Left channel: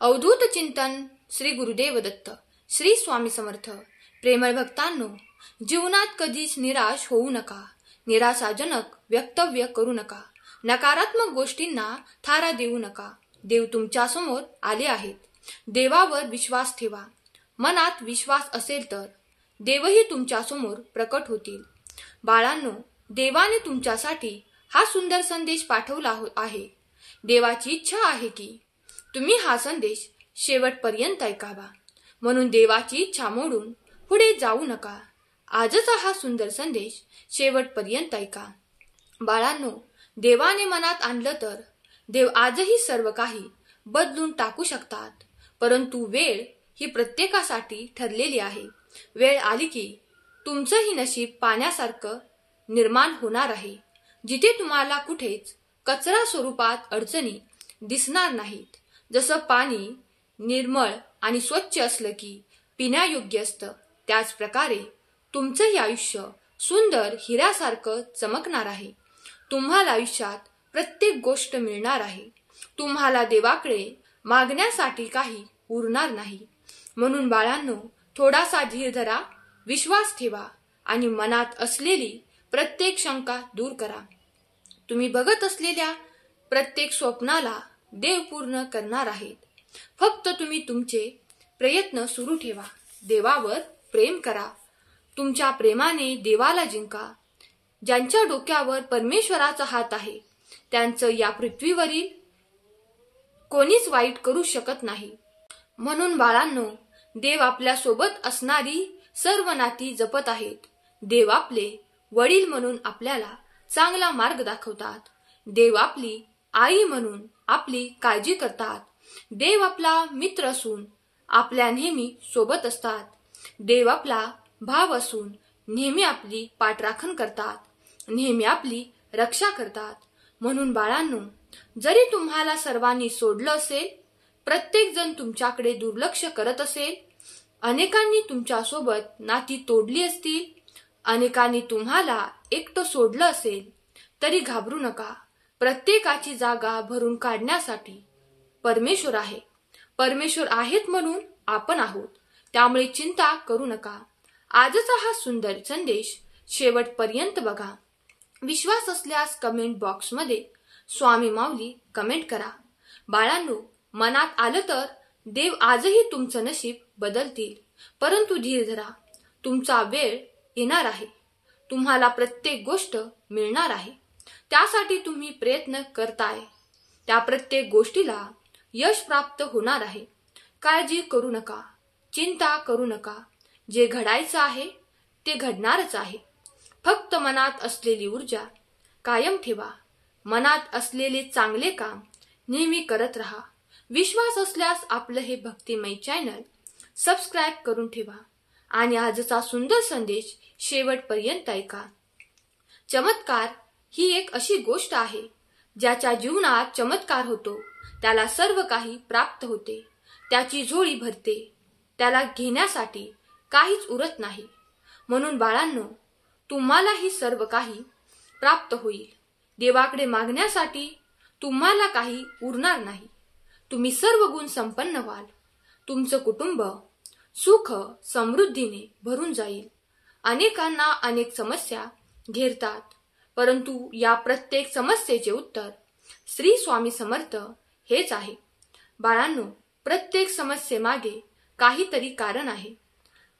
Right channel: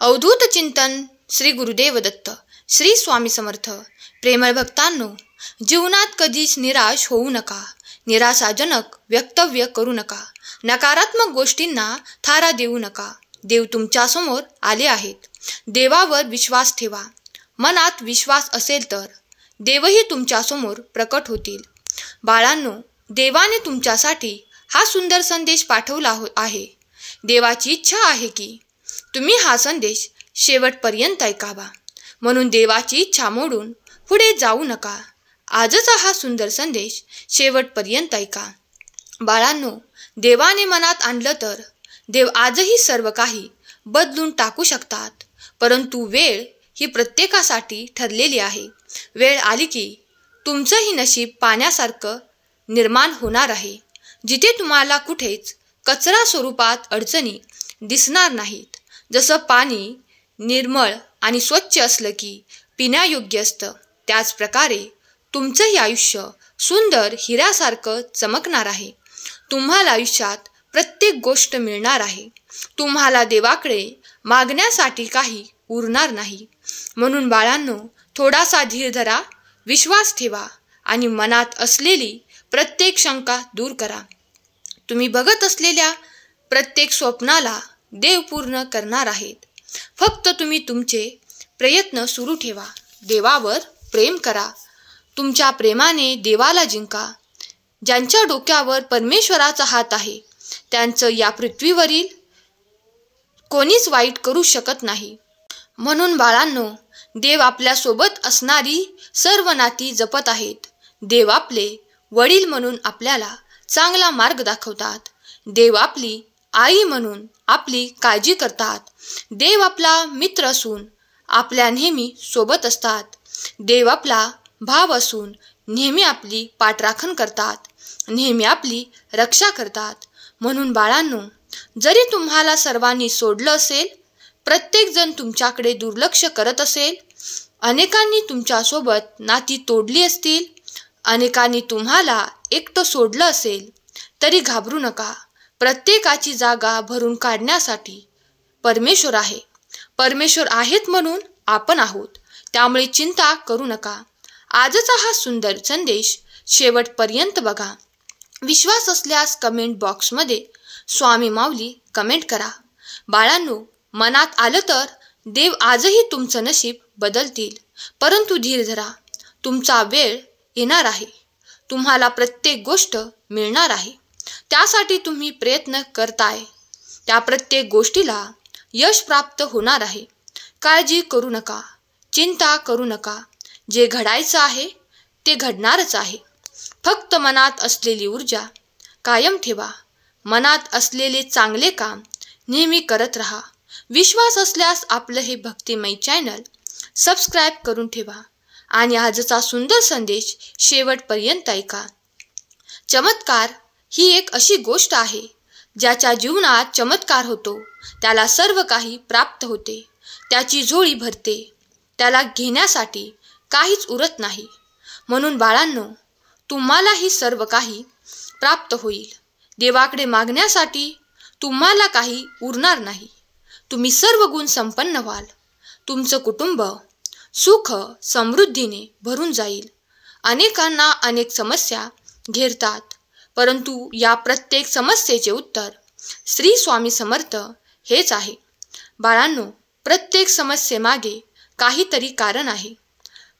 अवधूत चिंतन श्री गुरुदेव दत्त. श्री स्वामी समर्थ. प्रेमळ भक्तांनो, जीवनात कधीच निराश होऊ नका. निराशाजनक वक्तव्य करू नका. नकारात्मक गोष्टींना थारा देऊ नका. देव तुमच्या समोर आले आहेत. देवावर विश्वास ठेवा. मनात विश्वास असेल तर देवही तुमच्या समोर प्रकट होतील. बाळांनो, देवाने तुमच्यासाठी हा सुंदर संदेश पाठवला आहे. देवाची इच्छा आहे की तुम्ही हा संदेश शेवटपर्यंत ऐकावा. म्हणून देवाची इच्छा मोडून पुढे जाऊ नका. आजचा हा सुंदर संदेश शेवटपर्यंत ऐका. बाळांनो, देवाने मनात आणलं तर देव आजही सर्व काही बदलून टाकू शकतात. परंतु वेळ ही प्रत्येकासाठी ठरलेली आहे. वेळ आली की तुमचंही नशीब पाण्यासारखं निर्माण होणार आहे. जिथे तुम्हाला कुठेच कचरा स्वरूपात अडचणी दिसणार नाहीत. जसं पाणी निर्मळ आणि स्वच्छ असलं की पिण्यायोग्य असतं, त्याच प्रकारे तुमचंही आयुष्य सुंदर हिऱ्यासारखं चमकणार आहे. तुम्हाला आयुष्यात प्रत्येक गोष्ट मिळणार आहे. तुम्हाला देवाकडे मागण्यासाठी काही उरणार नाही. म्हणून बाळांनो, थोडासा धीर धरा, विश्वास ठेवा आणि मनात असलेली प्रत्येक शंका दूर करा. तुम्ही बघत असलेल्या प्रत्येक स्वप्नाला देव पूर्ण करणार आहेत. फक्त तुम्ही तुमचे प्रयत्न सुरू ठेवा. देवावर प्रेम करा. तुमच्या प्रेमाने देवाला जिंका. ज्यांच्या डोक्यावर परमेश्वराचा हात आहे त्यांचं या पृथ्वीवरील कोणीच वाईट करू शकत नाही. म्हणून बाळांनो, देव आपल्या सोबत असणारी सर्व नाती जपत आहेत. देव आपले वडील म्हणून आपल्याला चांगला मार्ग दाखवतात. देव आपली आई म्हणून आपली काळजी करतात. देव आपला मित्र असून आपल्या नेहमी सोबत असतात. देव आपला भाव असून नेहमी आपली पाठराखण करतात. नेहमी आपली रक्षा करतात. म्हणून बाळांनो, जरी तुम्हाला सर्वांनी सोडलं असेल, प्रत्येकजण तुमच्याकडे दुर्लक्ष करत असेल, अनेकांनी तुमच्यासोबत नाती तोडली असतील, अनेकांनी तुम्हाला एकटं सोडलं असेल, तरी घाबरू नका. प्रत्येकाची जागा भरून काढण्यासाठी परमेश्वर आहे. परमेश्वर आहेत म्हणून आपण आहोत. त्यामुळे चिंता करू नका. आजचा हा सुंदर संदेश शेवटपर्यंत बघा. विश्वास असल्यास कमेंट बॉक्समध्ये स्वामी माऊली कमेंट करा. बाळांनो, मनात आलं तर देव आजही तुमचं नशीब बदलतील. परंतु धीर धरा. तुमचा वेळ येणार आहे. तुम्हाला प्रत्येक गोष्ट मिळणार आहे. त्यासाठी तुम्ही प्रयत्न करताय त्या प्रत्येक गोष्टीला यश प्राप्त होणार आहे. काळजी करू नका. चिंता करू नका. जे घडायचं आहे ते घडणारच आहे. फक्त मनात असलेली ऊर्जा कायम ठेवा. मनात असलेले चांगले काम नेहमी करत राहा. विश्वास असल्यास आपलं हे भक्तिमय चॅनल सबस्क्राईब करून ठेवा आणि आजचा सुंदर संदेश शेवटपर्यंत ऐका. चमत्कार ही एक अशी गोष्ट आहे ज्याच्या जीवनात चमत्कार होतो त्याला सर्व काही प्राप्त होते. त्याची झोळी भरते. त्याला घेण्यासाठी काहीच उरत नाही. म्हणून बाळांनो, तुम्हालाही सर्व काही प्राप्त होईल. देवाकडे मागण्यासाठी तुम्हाला काही उरणार नाही. तुम्ही सर्व गुण संपन्न व्हाल. तुमचं कुटुंब सुख समृद्धीने भरून जाईल. अनेकांना अनेक समस्या घेरतात, परंतु या प्रत्येक समस्येचे उत्तर श्री स्वामी समर्थ हेच आहे. बाळांनो, प्रत्येक समस्येमागे काहीतरी कारण आहे,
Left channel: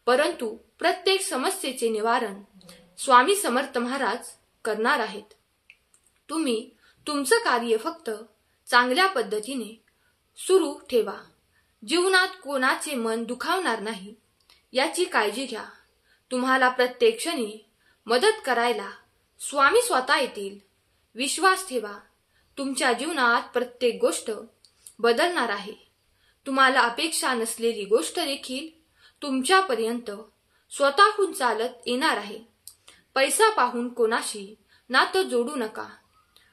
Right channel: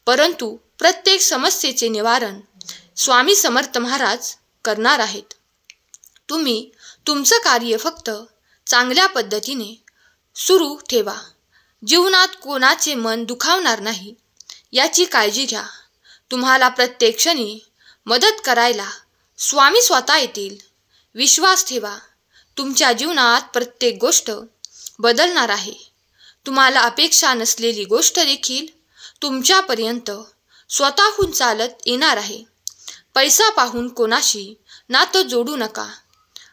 परंतु प्रत्येक समस्येचे निवारण स्वामी समर्थ महाराज करणार आहेत. तुम्ही तुमचं कार्य फक्त चांगल्या पद्धतीने सुरू ठेवा. जीवनात कोणाचे मन दुखावणार नाही याची काळजी घ्या. तुम्हाला प्रत्येक क्षणी मदत करायला स्वामी स्वतः येतील. विश्वास ठेवा. तुमच्या जीवनात प्रत्येक गोष्ट बदलणार आहे. तुम्हाला अपेक्षा नसलेली गोष्ट देखील तुमच्यापर्यंत स्वतःहून चालत येणार आहे. पैसा पाहून कोणाशी नातं जोडू नका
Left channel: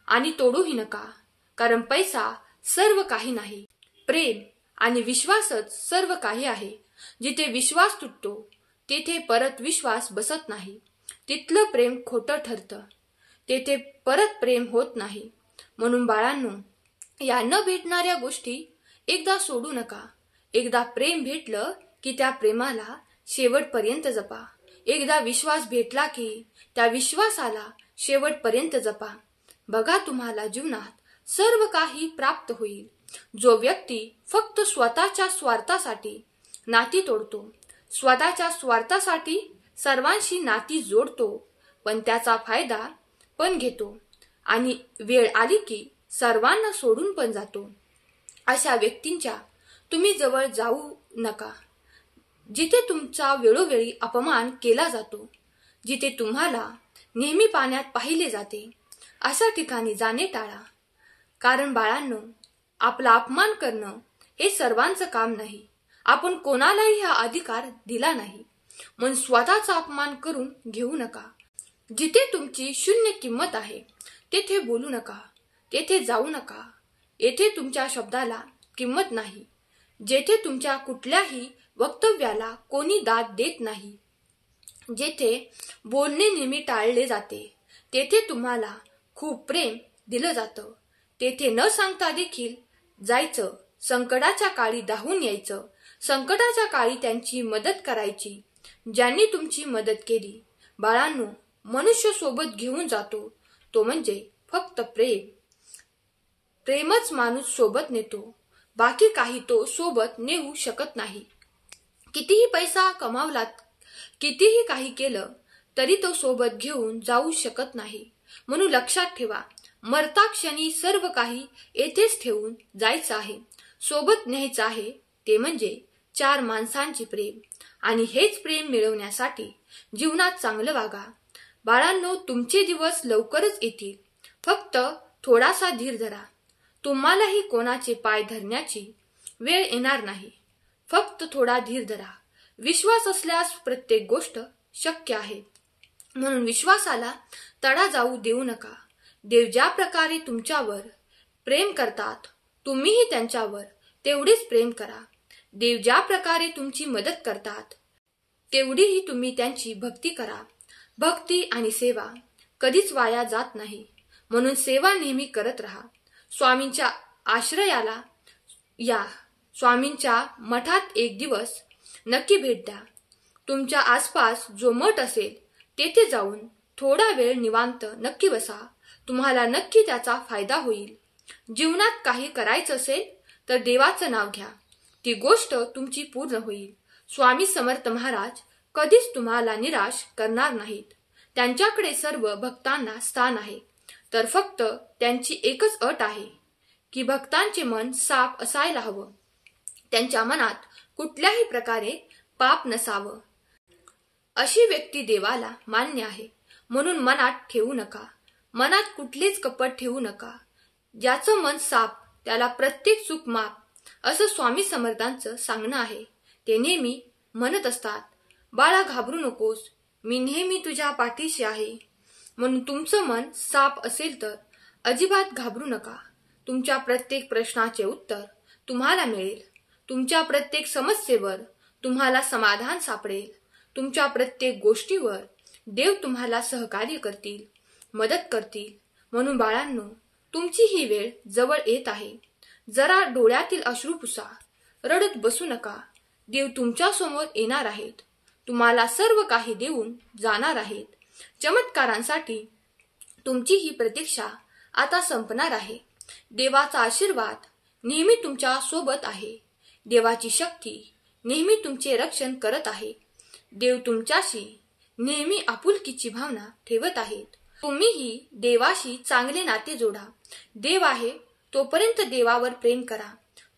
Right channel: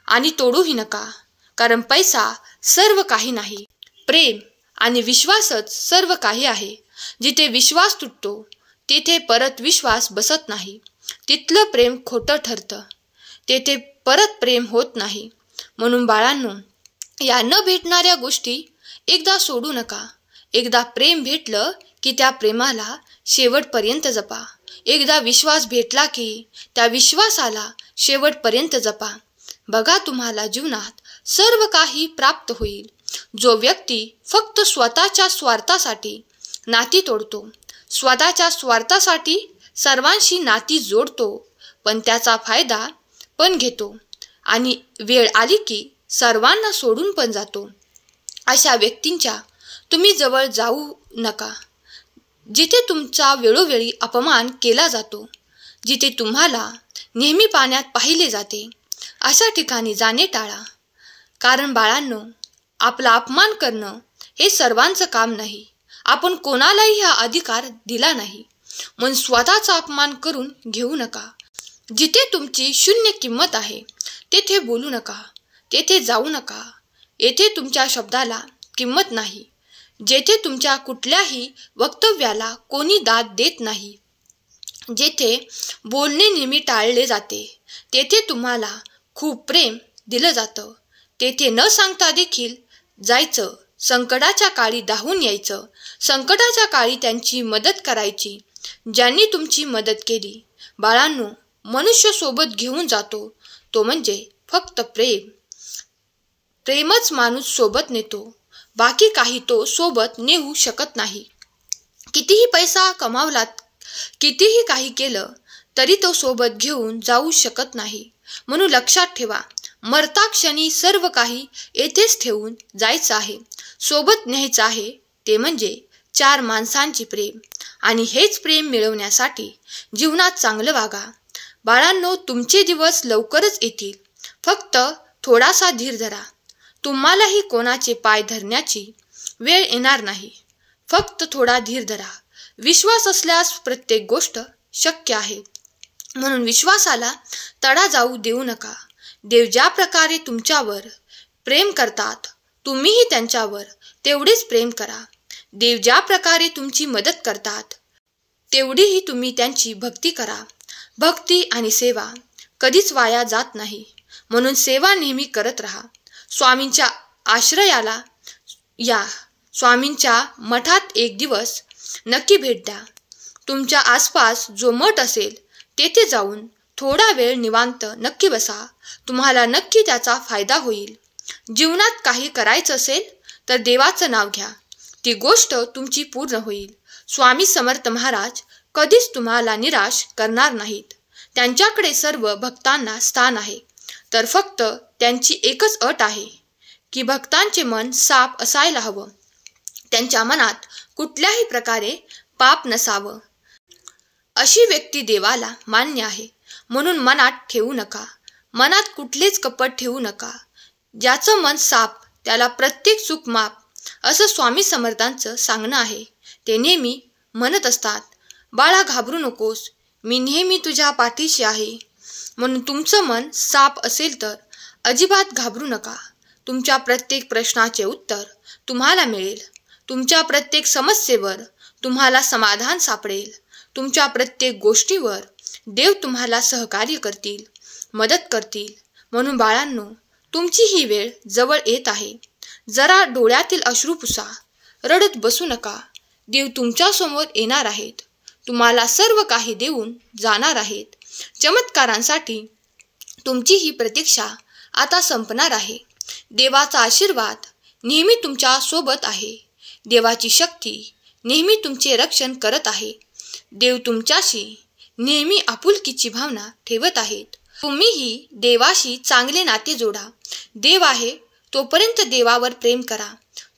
आणि तोडूही नका, कारण पैसा सर्व काही नाही. प्रेम आणि विश्वासच सर्व काही आहे. जिथे विश्वास तुटतो तिथे परत विश्वास बसत नाही. तिथलं प्रेम खोटं ठरतं. तेथे परत प्रेम होत नाही. म्हणून बाळांनो, या न भेटणाऱ्या गोष्टी एकदा सोडू नका. एकदा प्रेम भेटलं की त्या प्रेमाला शेवटपर्यंत जपा. एकदा विश्वास भेटला की त्या विश्वासाला शेवटपर्यंत जपा. बघा, तुम्हाला जीवनात सर्व काही प्राप्त होईल. जो व्यक्ती फक्त स्वतःच्या स्वार्थासाठी नाती तोडतो, स्वतःच्या स्वार्थासाठी सर्वांशी नाती जोडतो, पण त्याचा फायदा पण घेतो आणि वेळ आली की सर्वांना सोडून पण जातो, अशा व्यक्तींच्या तुम्ही जवळ जाऊ नका. जिथे तुमचा वेळोवेळी अपमान केला जातो, जिथे तुम्हाला नेहमी पाण्यात पाहिले जाते, अशा ठिकाणी जाणे टाळा. कारण बाळांनो, आपला अपमान करणं हे सर्वांचं काम नाही. आपण कोणालाही हा अधिकार दिला नाही, म्हणून स्वतःचा अपमान करून घेऊ नका. जिथे तुमची शून्य किंमत आहे तेथे बोलू नका, तेथे जाऊ नका. येथे तुमच्या शब्दाला किंमत नाही. जेथे तुमच्या कुठल्याही वक्तव्याला कोणी दाद देत नाही, जेथे बोलणे नेहमी टाळले जाते, तेथे तुम्हाला खूप प्रेम दिलं जातं. तेथे न सांगता देखील जायचं, संकटाच्या काळी धावून यायचं, संकटाच्या काळी त्यांची मदत करायची, ज्यांनी तुमची मदत केली. बाळांनो, मनुष्य सोबत घेऊन जातो तो म्हणजे फक्त प्रेम. प्रेमच माणूस सोबत नेतो, बाकी काही तो सोबत नेऊ शकत नाही. कितीही पैसा कमावलात, कितीही काही केलं तरी तो सोबत घेऊन जाऊ शकत नाही. म्हणून लक्षात ठेवा, मरता क्षणी सर्व काही येथेच ठेवून जायचं आहे. सोबत न्यायचं आहे ते म्हणजे 4 माणसांची प्रेम. आणि हेच प्रेम मिळवण्यासाठी जीवनात चांगलं वागा. बाळांनो, तुमचे दिवस लवकरच येतील. फक्त थोडासा धीर धरा. तुम्हालाही कोणाचे पाय धरण्याची वेळ येणार नाही. फक्त थोडा धीर धरा. विश्वास असल्यास प्रत्येक गोष्ट शक्य आहे. म्हणून विश्वासाला तडा जाऊ देऊ नका. देव ज्या प्रकारे तुमच्यावर प्रेम करतात, तुम्हीही त्यांच्यावर तेवढेच प्रेम करा. देव ज्या प्रकारे तुमची मदत करतात, तेवढीही तुम्ही त्यांची भक्ती करा. भक्ती आणि सेवा कधीच वाया जात नाही, म्हणून सेवा नेहमी करत राहा. स्वामींच्या आश्रयाला या. स्वामींच्या मठात एक दिवस नक्की भेट द्या. तुमच्या आसपास जो मठ असेल तेथे जाऊन थोडा वेळ निवांत नक्की बसा. तुम्हाला नक्की त्याचा फायदा होईल. जीवनात काही करायचं असेल तर देवाचं नाव घ्या. ती गोष्ट तुमची पूर्ण होईल. स्वामी समर्थ महाराज कधीच तुम्हाला निराश करणार नाहीत. त्यांच्याकडे सर्व भक्तांना स्थान आहे. तर फक्त त्यांची एकच अट आहे की भक्तांचे मन साफ असायला हवं. त्यांच्या मनात कुठल्याही प्रकारे पाप नसावं. अशी व्यक्ती देवाला मान्य आहे. म्हणून मनात ठेवू नका. मनात कुठलेच कपट ठेवू नका. ज्याचं मन साफ त्याला प्रत्येक चूक माफ, असं स्वामी समर्थांचं सांगणं आहे. ते नेहमी म्हणत असतात, बाळा घाबरू नकोस, मी नेहमी तुझ्या पाठीशी आहे. म्हणून तुमचं मन साफ असेल तर अजिबात घाबरू नका. तुमच्या प्रत्येक प्रश्नाचे उत्तर तुम्हाला मिळेल. तुमच्या प्रत्येक समस्येवर तुम्हाला समाधान सापडेल. तुमच्या प्रत्येक गोष्टीवर देव तुम्हाला सहकार्य करतील, मदत करतील. म्हणून बाळांनो, तुमची ही वेळ जवळ येत आहे. जरा डोळ्यातील अश्रू पुसा. रडत बसू नका. देव तुमच्या समोर येणार आहेत. तुम्हाला सर्व काही देऊन जाणार आहेत. चमत्कारांसाठी तुमची ही प्रतीक्षा आता संपणार आहे. देवाचा आशीर्वाद नेहमी तुमच्या सोबत आहे. देवाची शक्ती नेहमी तुमचे रक्षण करत आहे. देव तुमच्याशी नेहमी आपुलकीची भावना ठेवत आहेत. तुम्हीही देवाशी चांगले नाते जोडा. देव आहे तोपर्यंत देवावर प्रेम करा.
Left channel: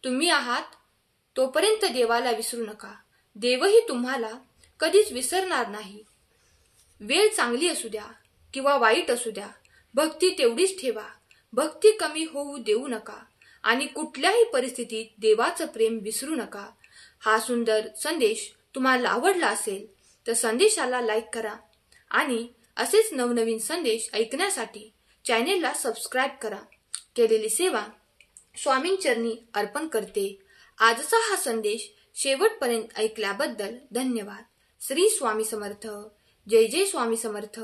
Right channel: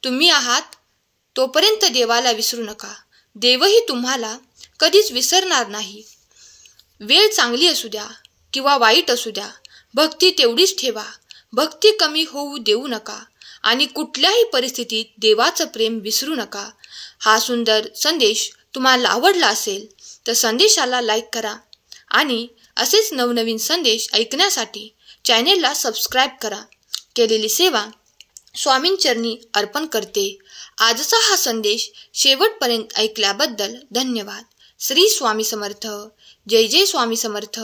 तुम्ही आहात तोपर्यंत देवाला विसरू नका. देवही तुम्हाला कधीच विसरणार नाही. वेळ चांगली असू द्या किंवा वाईट असू द्या, भक्ती तेवढीच ठेवा. भक्ती कमी होऊ देऊ नका आणि कुठल्याही परिस्थितीत देवाचं प्रेम विसरू नका. हा सुंदर संदेश तुम्हाला आवडला असेल तर संदेशाला लाईक करा आणि असेच नवनवीन संदेश ऐकण्यासाठी चॅनेलला सबस्क्राईब करा. केलेली सेवा स्वामींचरणी अर्पण करते. आजचा हा संदेश शेवटपर्यंत ऐकल्याबद्दल धन्यवाद. श्री स्वामी समर्थ. जय जय स्वामी समर्थ.